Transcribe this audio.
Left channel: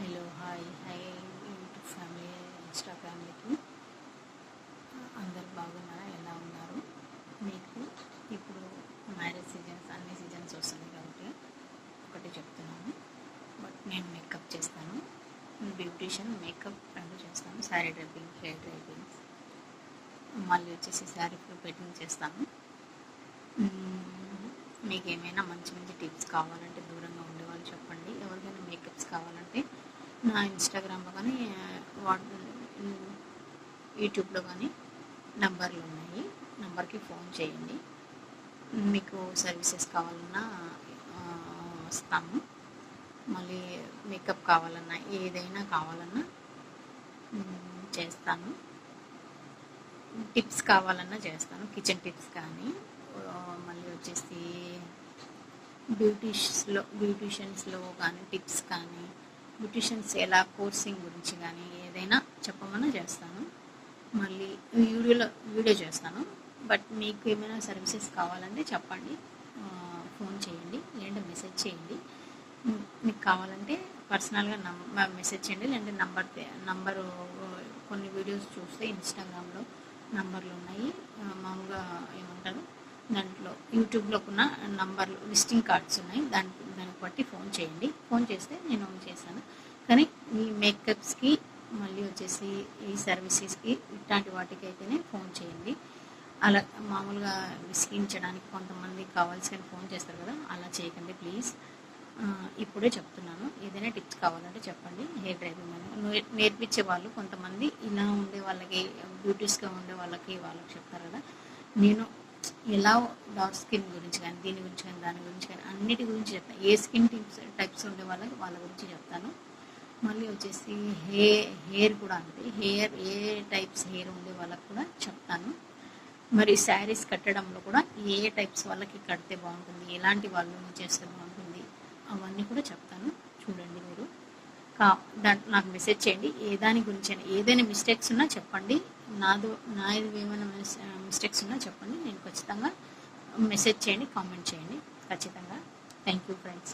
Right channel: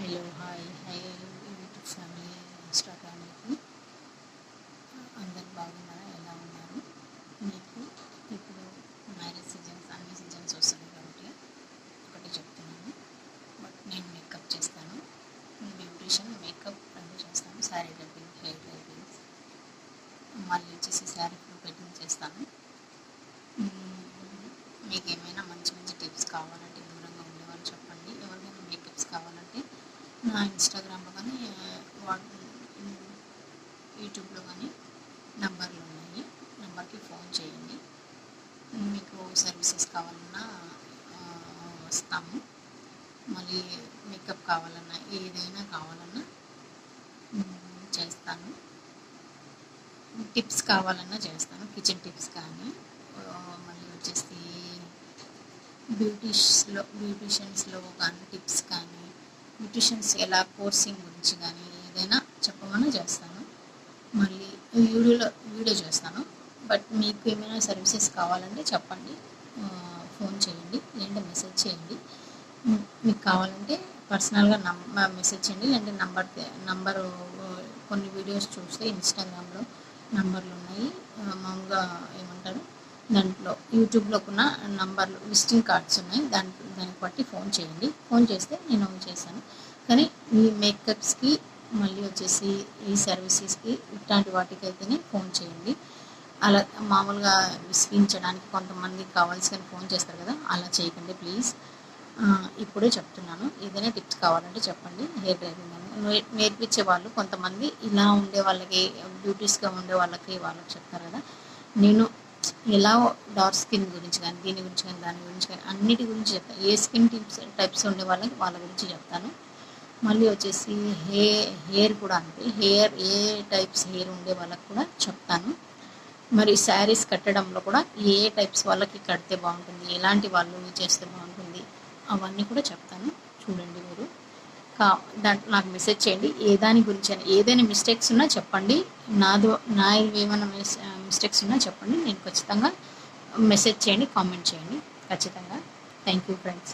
Hello hi YouTube family Insta ఫ్యామిలీకి అందరు బాగున్నారా? ఎలా ఉన్నారు? మీకు ఇప్పుడు మ్యారేజ్ సీజన్స్ అన్ని సీజన్స్ వస్తున్నాయి కాబట్టి ఒకటి చెప్తున్నాను. బట్ నేను మేకప్ చేస్తాను, బ్యూటిషియన్ మేకప్ రెండు చేస్తాను. శారీ డ్రైపింగ్, హెయిర్ డ్రైపింగ్, మళ్ళీ వచ్చేసి శారీ పెయింటింగ్ చేస్తాను. మీకు ఏమైనా మంచి మంచి టిప్స్ కావాలంటే దూరంగా ఉండేవాళ్ళు చెప్పండి. ఎవరికైనా మేకప్స్ కావాలంటే నా ఇన్స్టాగ్రామ్లో కానీ యూట్యూబ్లో కానీ నంబర్లు ఉన్నాయి, నంబర్కి ఫోన్ చేయండి. మీకు సర్వీసెస్ కావాలన్నా వస్తాము. మళ్ళీ మేకప్ కావాలన్నా ఏదైనా కావాలన్నా చేస్తాను. టిప్స్ కావాలన్నా చేస్తాను, కిచెన్ టిప్స్ కానీ. మళ్ళీ వచ్చేసి బ్యూటిషియన్స్లో కానీ టిప్స్ కానీ, బ్యూటిషియన్స్ ఎలా కోర్సింగ్ గురించి కానీ ఏదైనా చెప్పమన్నా చేస్తాను. మళ్ళీ వీడియో చేస్తాను. బట్ మీకు ఏమైనా సర్వీసెస్ కావాలంటే చెప్పండి, ఫోన్ చేయండి, లేదంటే మెసేజ్ చేయండి. మీకు కావాలంటే పర్సనల్గా మెసేజ్ చేయండి, లేదంటే నంబరు కొన్ని వీడియోస్ చూస్తే ఇన్స్టాగ్రామ్లో నంబర్లు ఉన్నాయి, మామూలుగా ఏమంటారు దాంట్లో యూట్యూబ్లో ఉన్న నంబర్లు విజిటింగ్ కార్డ్స్ ఉన్నాయి. దానికి బట్టి ఫోన్ చేయండి. ఫోన్ చేస్తే నేను చేశాను. కానీ ఈ మేకప్స్కి మళ్ళీ వచ్చేసి ఈ సర్వీసెస్కి ఇట్లాంటి వాటికి అయితేనే ఫోన్ చేయండి. అలా మామూలుగా విసిగించడానికి కొంతమంది కావాల్సి ఫోన్ చేస్తారు కదా, అలా చేయకండి ప్లీజ్. ఇప్పుడే చెప్తున్నాను, ఏదైనా టిప్స్ కావాలంటే చెప్పండి. హెయిర్ డ్రైవింగ్ నేర్పించే వాళ్ళు కొంతమంది ఇలా ఉండే వాళ్ళకి, బ్యూటీస్గా ఉండే వాళ్ళకి చెప్తారు కదా. నేను ఎలా డార్క్ స్కిన్ గురించి కానీ, దీని గురించి కానీ, దాని గురించి కానీ అన్నిటి గురించి చెప్తాను. ఏ స్కిన్ టైప్స్ ఉండే వాళ్ళ గురించి చెప్తాను. మళ్ళీ వచ్చేసి హెయిర్ కూడా అంతే, ఏ టైప్స్ హెయిర్ ఉండే వాళ్ళకి కూడా చెప్తాను. మరి శారీస్ కట్టడంలో కూడా ఏ టైప్స్ వాళ్ళకి కడితే బాగుంటుంది, ఎలాంటి వాళ్ళు చేస్తే బాగుంటుంది, అవన్నీ కూడా చెప్తాను. చూడండి మీరు దాంట్లో నాకు మెసేజ్ చేయండి. దాని గురించి ఏదైనా మిస్టేక్స్ ఉన్నా చెప్పండి. ఏమైనా మిస్టేక్స్ ఉన్నా చెప్పండి. నేను ఖచ్చితంగా మెసేజ్ చేయండి, కామెంట్ చేయండి ఖచ్చితంగా. Thank you friends.